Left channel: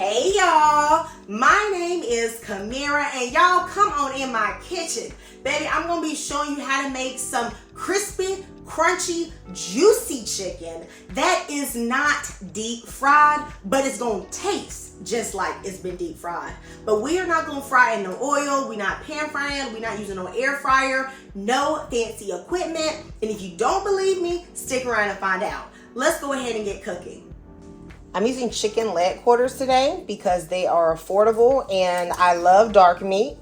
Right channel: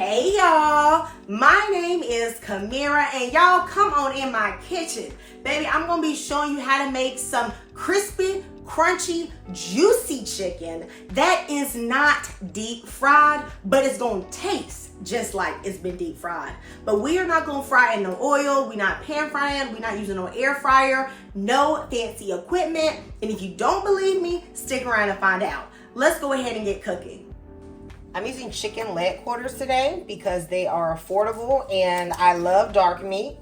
Hey y'all, my name is Camirra and y'all come on in my kitchen. Baby, I'm gonna be showing you how to make some crispy, crunchy, juicy chicken that is not deep fried, but it's gonna taste just like it's been deep fried. But we are not gonna fry in no oil, we're not pan frying, we're not using no air fryer, no fancy equipment. And if you don't believe me, stick around and find out. Let's go ahead and get cooking. I'm using chicken leg quarters today because they are affordable and I love dark meat.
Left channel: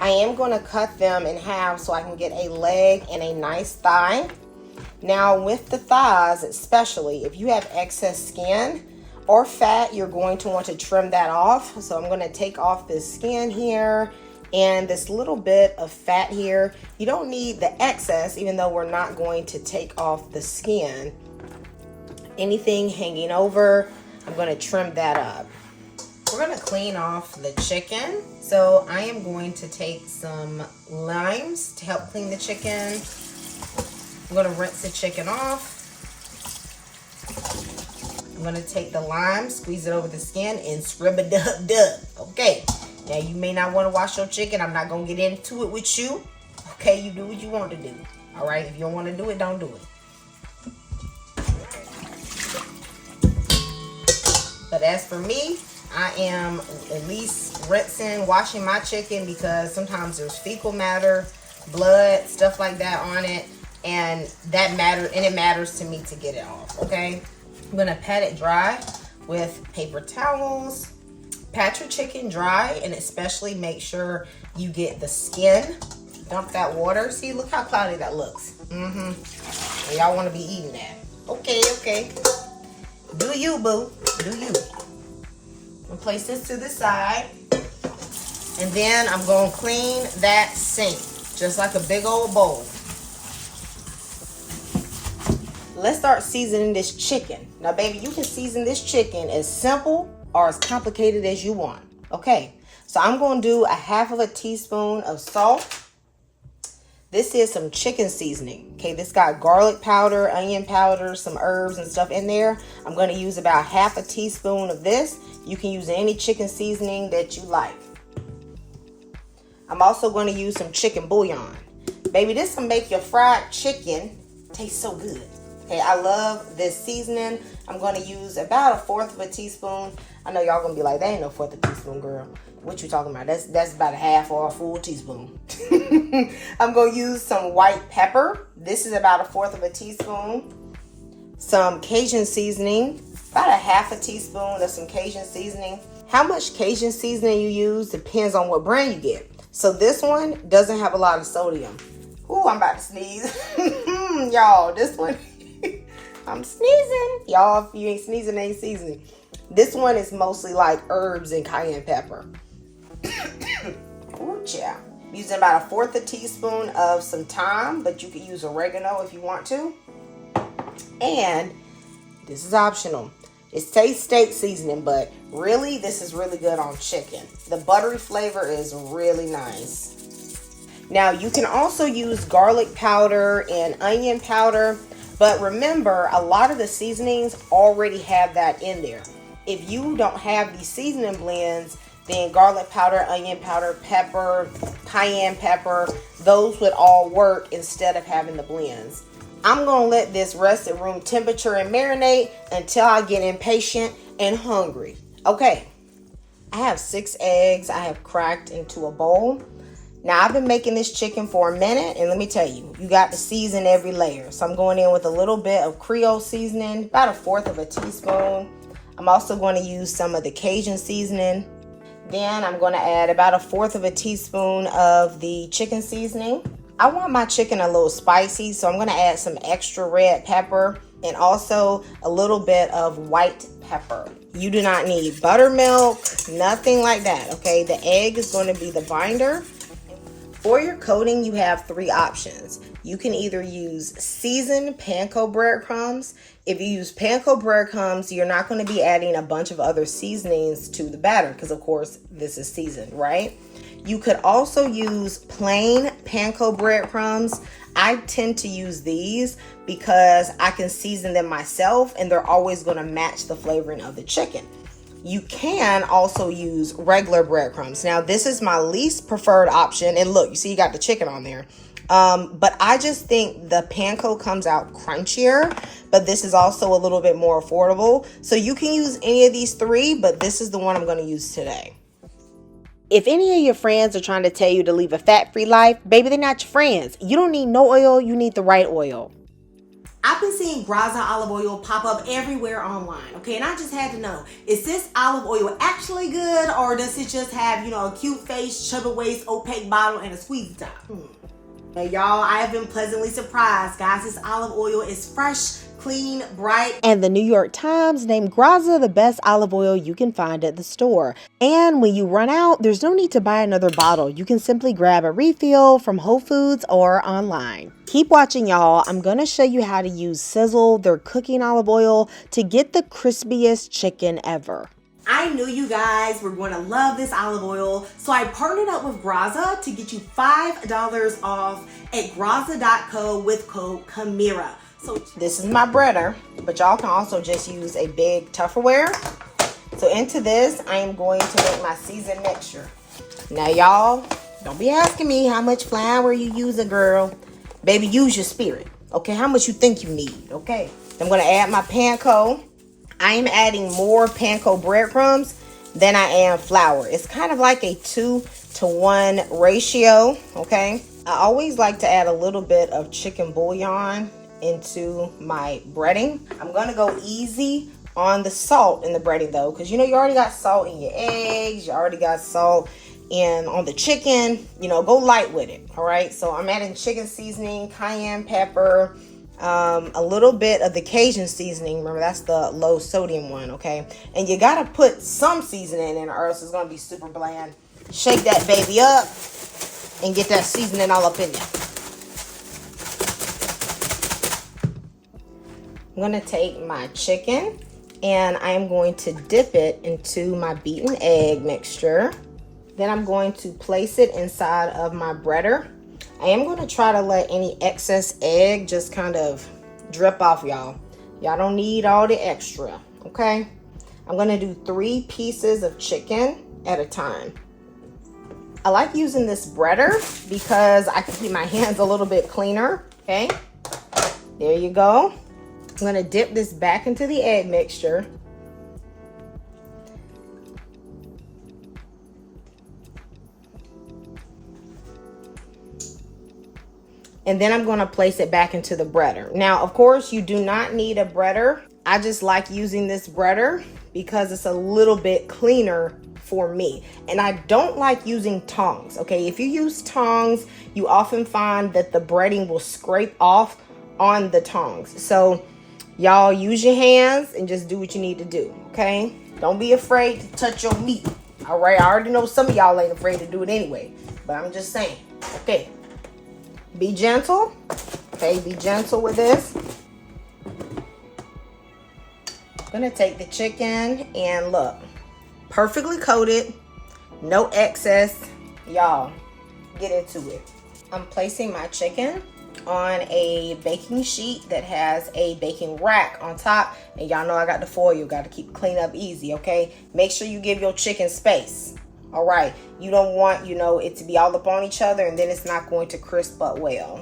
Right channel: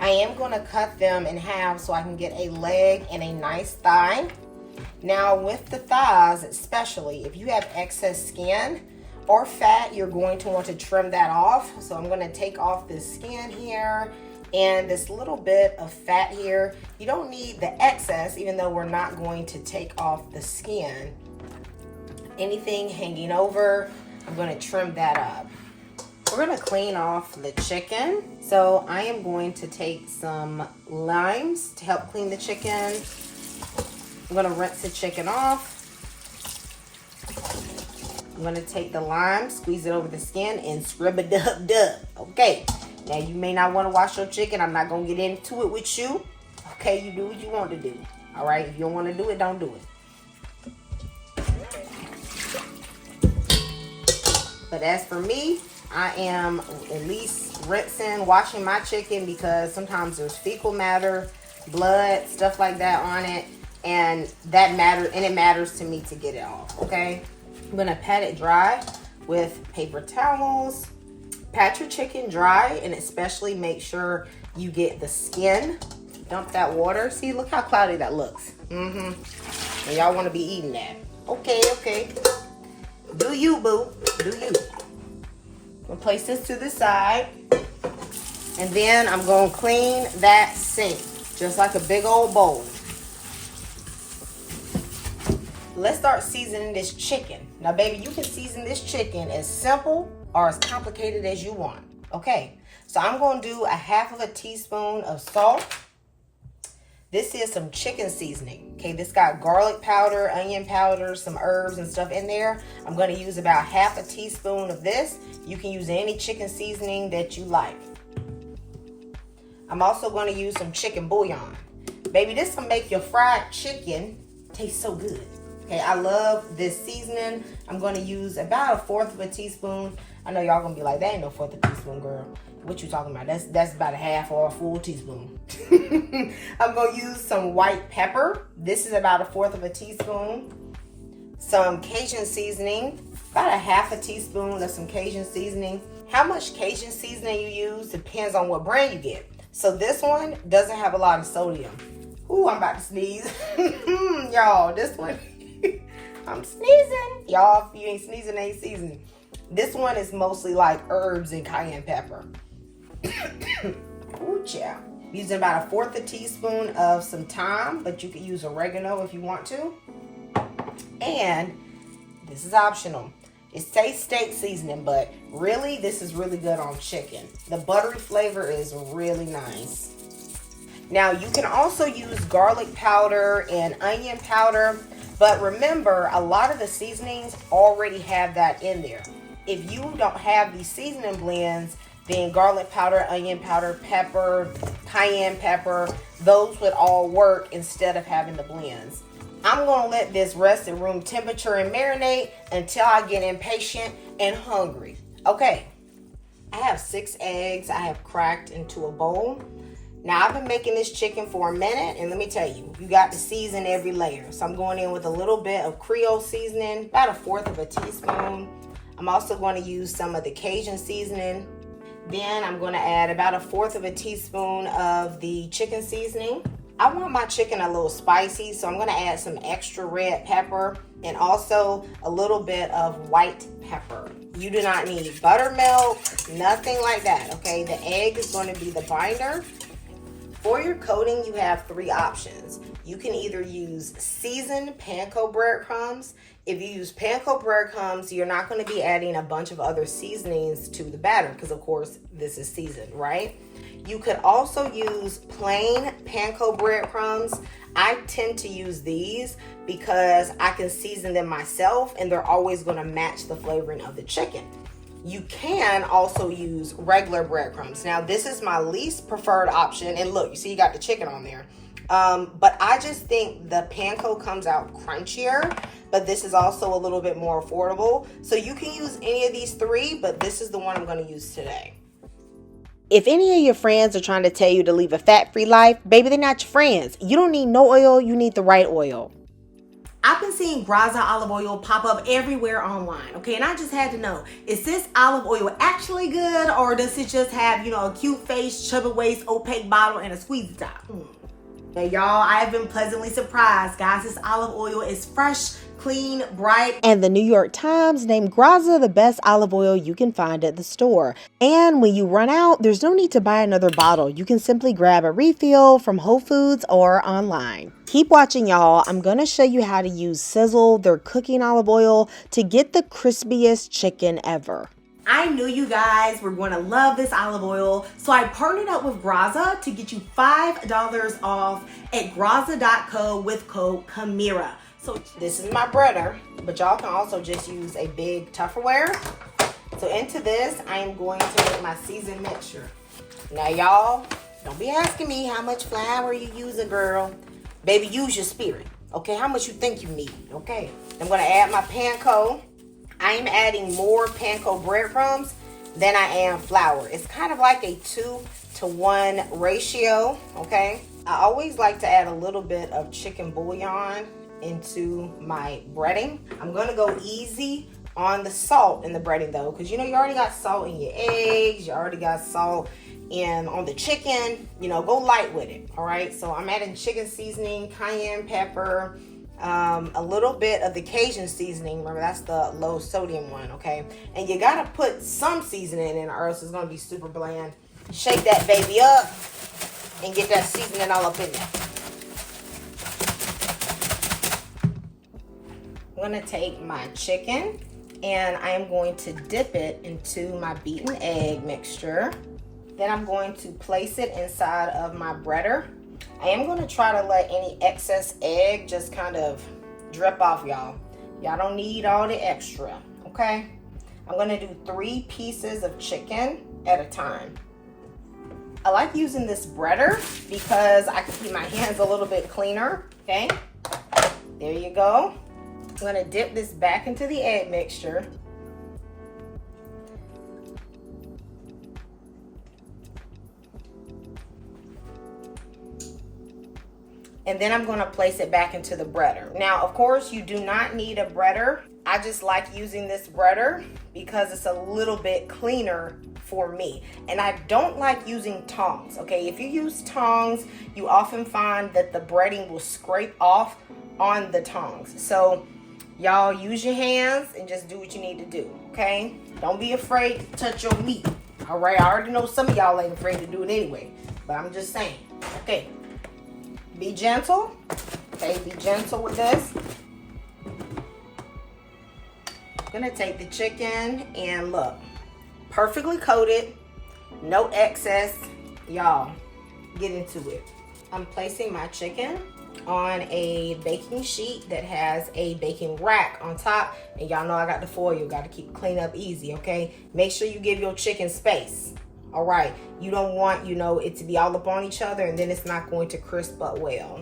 I am going to cut them in half so I can get a leg and a nice thigh. Now with the thighs especially, if you have excess skin or fat, you're going to want to trim that off. So I'm going to take off this skin here and this little bit of fat here. You don't need the excess, even though we're not going to take off the skin. Anything hanging over, I'm going to trim that up. We're going to clean off the chicken. So I am going to take some limes to help clean the chicken. I'm going to rinse the chicken off. I'm going to take the lime, squeeze it over the skin, and scrub-a-dub-dub. Okay. Now you may not want to wash your chicken. I'm not going to get into it with you. Okay, you do what you want to do. All right, if you don't want to do it, don't do it. But as for me, I am at least rinsing, washing my chicken because sometimes there's fecal matter, blood, stuff like that on it, and it matters to me to get it off, okay? I'm gonna pat it dry with paper towels. Pat your chicken dry and especially make sure you get the skin. Dump that water. See, look how cloudy that looks. And y'all wanna be eating that. Okay. Do you, boo. Do you. I'm gonna place this to the side. And then I'm gonna clean that sink, just like a big old bowl. Let's start seasoning this chicken. Now, baby, you can season this chicken as simple or as complicated as you want. Okay, so I'm gonna do a half of a teaspoon of salt. This is some chicken seasoning. Okay, this got garlic powder, onion powder, some herbs and stuff in there. I'm gonna use about half a teaspoon of this. You can use any chicken seasoning that you like. I'm also gonna use some chicken bouillon. Baby, this will make your fried chicken taste so good. Okay, I love this seasoning. I'm gonna use about 1/4 of a teaspoon. I know y'all gonna be like, that ain't no 1/4 of a teaspoon, girl. What you talking about? That's about a half or a full teaspoon. I'm gonna use some white pepper. This is about 1/4 of a teaspoon. Some Cajun seasoning, about a half a teaspoon of some Cajun seasoning. How much Cajun seasoning you use depends on what brand you get. So this one doesn't have a lot of sodium. Ooh, I'm about to sneeze. Y'all, this one, I'm sneezing. Y'all, if you ain't sneezing, ain't seasoning. This one is mostly like herbs and cayenne pepper. Ooh, child. Using about 1/4 a teaspoon of some thyme, but you could use oregano if you want to. And this is optional. It says steak seasoning, but really, this is really good on chicken. The buttery flavor is really nice. Now, you can also use garlic powder and onion powder, but remember, a lot of the seasonings already have that in there. If you don't have these seasoning blends, then garlic powder, onion powder, pepper, cayenne pepper, those would all work instead of having the blends. I'm gonna let this rest at room temperature and marinate until I get impatient and hungry. Okay, I have 6 eggs I have cracked into a bowl. Now, I've been making this chicken for a minute, and let me tell you, you got to season every layer. So I'm going in with a little bit of Creole seasoning, about 1/4 of a teaspoon. I'm also going to use some of the Cajun seasoning. Then I'm going to add about 1/4 of a teaspoon of the chicken seasoning. I want my chicken a little spicy, so I'm going to add some extra red pepper and also a little bit of white pepper. You do not need buttermilk, nothing like that, okay? The egg is going to be the binder. For your coating, you have 3 options. You can either use seasoned panko breadcrumbs. If you use panko breadcrumbs, you're not going to be adding a bunch of other seasonings to the batter because, of course, this is seasoned, right? You could also use plain panko breadcrumbs. I tend to use these because I can season them myself and they're always going to match the flavoring of the chicken. You can also use regular breadcrumbs. Now, this is my least preferred option. And look, you see you got the chicken on there. But I just think the panko comes out crunchier, but this is also a little bit more affordable. So you can use any of these three, but this is the one I'm going to use today. If any of your friends are trying to tell you to live a fat-free life, baby, they're not your friends. You don't need no oil, you need the right oil. I've been seeing Graza olive oil pop up everywhere online, okay? And I just had to know, is this olive oil actually good, or does it just have, a cute face, chubby waist, opaque bottle, and a squeezy top? Now, y'all, I have been pleasantly surprised, guys. This olive oil is fresh, clean, bright. And the New York Times named Graza the best olive oil you can find at the store. And when you run out, there's no need to buy another bottle. You can simply grab a refill from Whole Foods or online. Keep watching, y'all. I'm going to show you how to use Sizzle, their cooking olive oil, to get the crispiest chicken ever. I knew you guys were going to love this olive oil, so I partnered up with Graza to get you $5 off at graza.co with code Camirra. So this is my breader, but y'all can also just use a big Tupperware. So into this, I am going to make my seasoned mixture. Now, y'all, don't be asking me how much flour you using, girl. Baby, use your spirit, okay? How much you think you need, okay? I'm going to add my panko. I am adding more panko breadcrumbs than I am flour. It's kind of like a 2-to-1 ratio, okay? I always like to add a little bit of chicken bouillon into my breading. I'm gonna go easy on the salt in the breading though, because you already got salt in your eggs, you already got salt on the chicken, go light with it, all right? So I'm adding chicken seasoning, cayenne pepper, a little bit of the Cajun seasoning. Remember, that's the low sodium one, okay? And you gotta put some seasoning in or else it's gonna be super bland. Shake that baby up and get that seasoning all up in there. I'm gonna take my chicken and I'm going to dip it into my beaten egg mixture. Then I'm going to place it inside of my breader. I am going to try to let any excess egg just kind of drip off, y'all. Y'all don't need all the extra, okay? I'm going to do 3 pieces of chicken at a time. I like using this breader because I can keep my hands a little bit cleaner, okay? There you go. I'm going to dip this back into the egg mixture. And then I'm going to place it back into the breader. Now, of course, you do not need a breader. I just like using this breader because it's a little bit cleaner for me. And I don't like using tongs, okay? If you use tongs, you often find that the breading will scrape off on the tongs. So y'all use your hands and just do what you need to do, okay? Don't be afraid to touch your meat, all right? I already know some of y'all ain't afraid to do it anyway, but I'm just saying, okay? Be gentle, okay? Be gentle with this. I'm gonna take the chicken and look, perfectly coated, no excess. Y'all, get into it. I'm placing my chicken on a baking sheet that has a baking rack on top, and y'all know I got the foil. Got to keep clean up easy, okay? Make sure you give your chicken space. All right, you don't want, it to be all up on each other and then it's not going to crisp up well.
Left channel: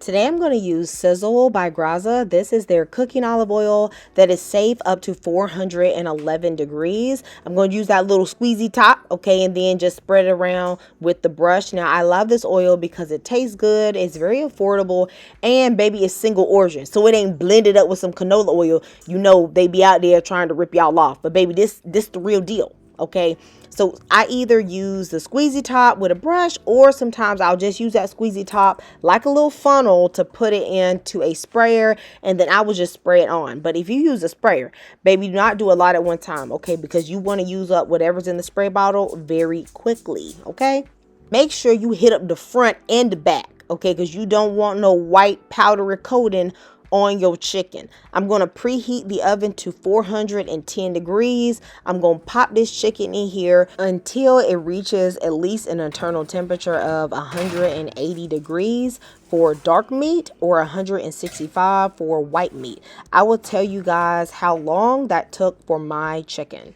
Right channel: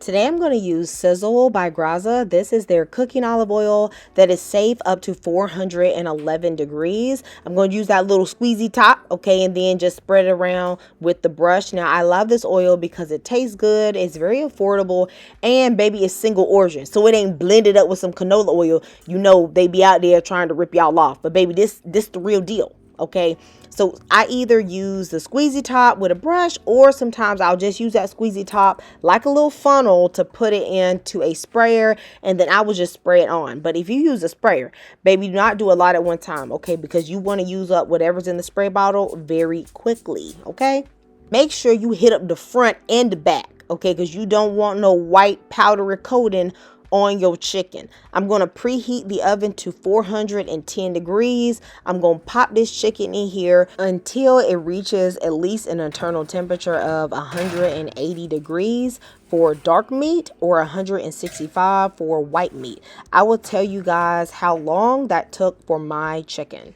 Today I'm going to use Sizzle by Graza. This is their cooking olive oil that is safe up to 411 degrees. I'm going to use that little squeezy top, okay, and then just spread it around with the brush. Now, I love this oil because it tastes good, it's very affordable, and baby, it's single origin. So it ain't blended up with some canola oil. They be out there trying to rip y'all off. But baby, this the real deal, okay? So I either use the squeezy top with a brush, or sometimes I'll just use that squeezy top like a little funnel to put it into a sprayer, and then I will just spray it on. But if you use a sprayer, baby, do not do a lot at one time, okay? Because you want to use up whatever's in the spray bottle very quickly, okay? Make sure you hit up the front and the back, okay? Because you don't want no white powdery coating on your chicken. I'm going to preheat the oven to 410 degrees. I'm going to pop this chicken in here until it reaches at least an internal temperature of 180 degrees for dark meat or 165 for white meat. I will tell you guys how long that took for my chicken.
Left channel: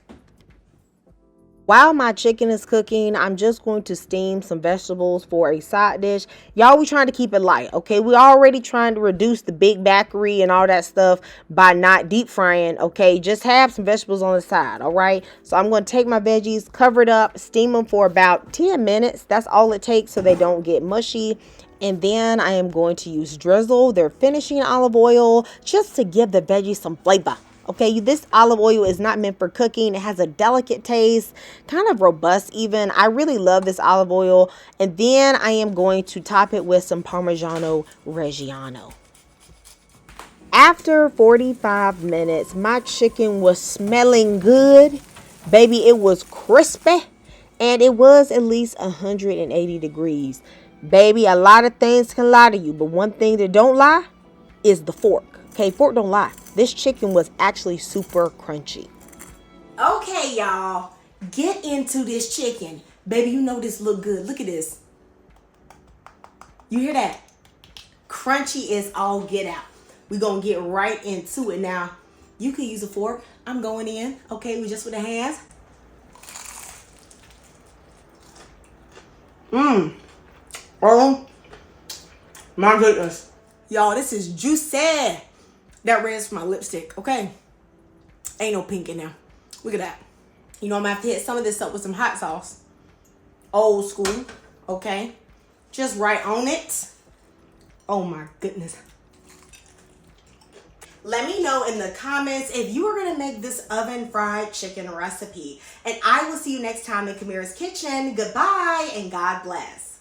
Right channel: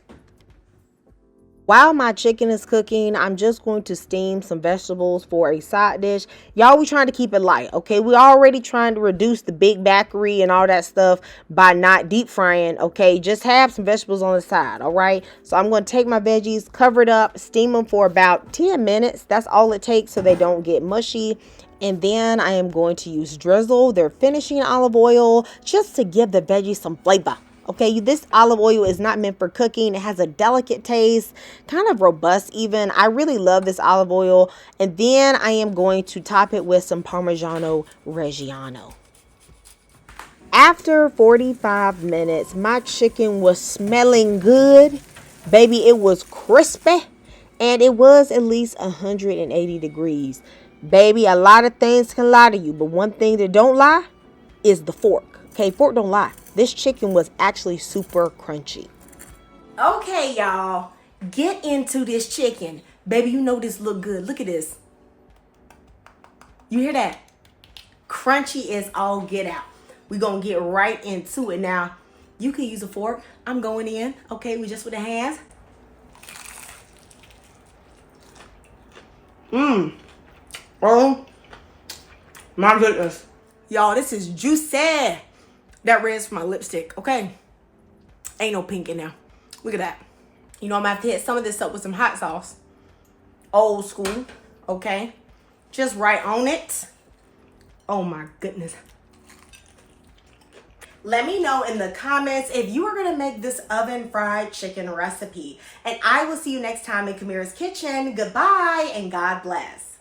While my chicken is cooking, I'm just going to steam some vegetables for a side dish. Y'all, we trying to keep it light, okay? We already trying to reduce the big bakery and all that stuff by not deep frying, okay? Just have some vegetables on the side, all right? So I'm going to take my veggies, cover it up, steam them for about 10 minutes. That's all it takes so they don't get mushy. And then I am going to use drizzle, their finishing olive oil, just to give the veggies some flavor. Okay, this olive oil is not meant for cooking. It has a delicate taste, kind of robust even. I really love this olive oil. And then I am going to top it with some Parmigiano Reggiano. After 45 minutes, my chicken was smelling good. Baby, it was crispy. And it was at least 180 degrees. Baby, a lot of things can lie to you. But one thing that don't lie is the fork. Okay, fork don't lie. This chicken was actually super crunchy. Okay, y'all. Get into this chicken. Baby, you know this look good. Look at this. You hear that? Crunchy is all get out. We're going to get right into it. Now, you can use a fork. I'm going in. Okay, we just with the hands. Oh, my goodness. Y'all, this is juicy. That red's for my lipstick, okay? Ain't no pink in there. Look at that. You know, I'm going to have to hit some of this up with some hot sauce. Old school, okay? Just right on it. Oh, my goodness. Let me know in the comments if you are going to make this oven fried chicken recipe. And I will see you next time in Camirra's Kitchen. Goodbye and God bless.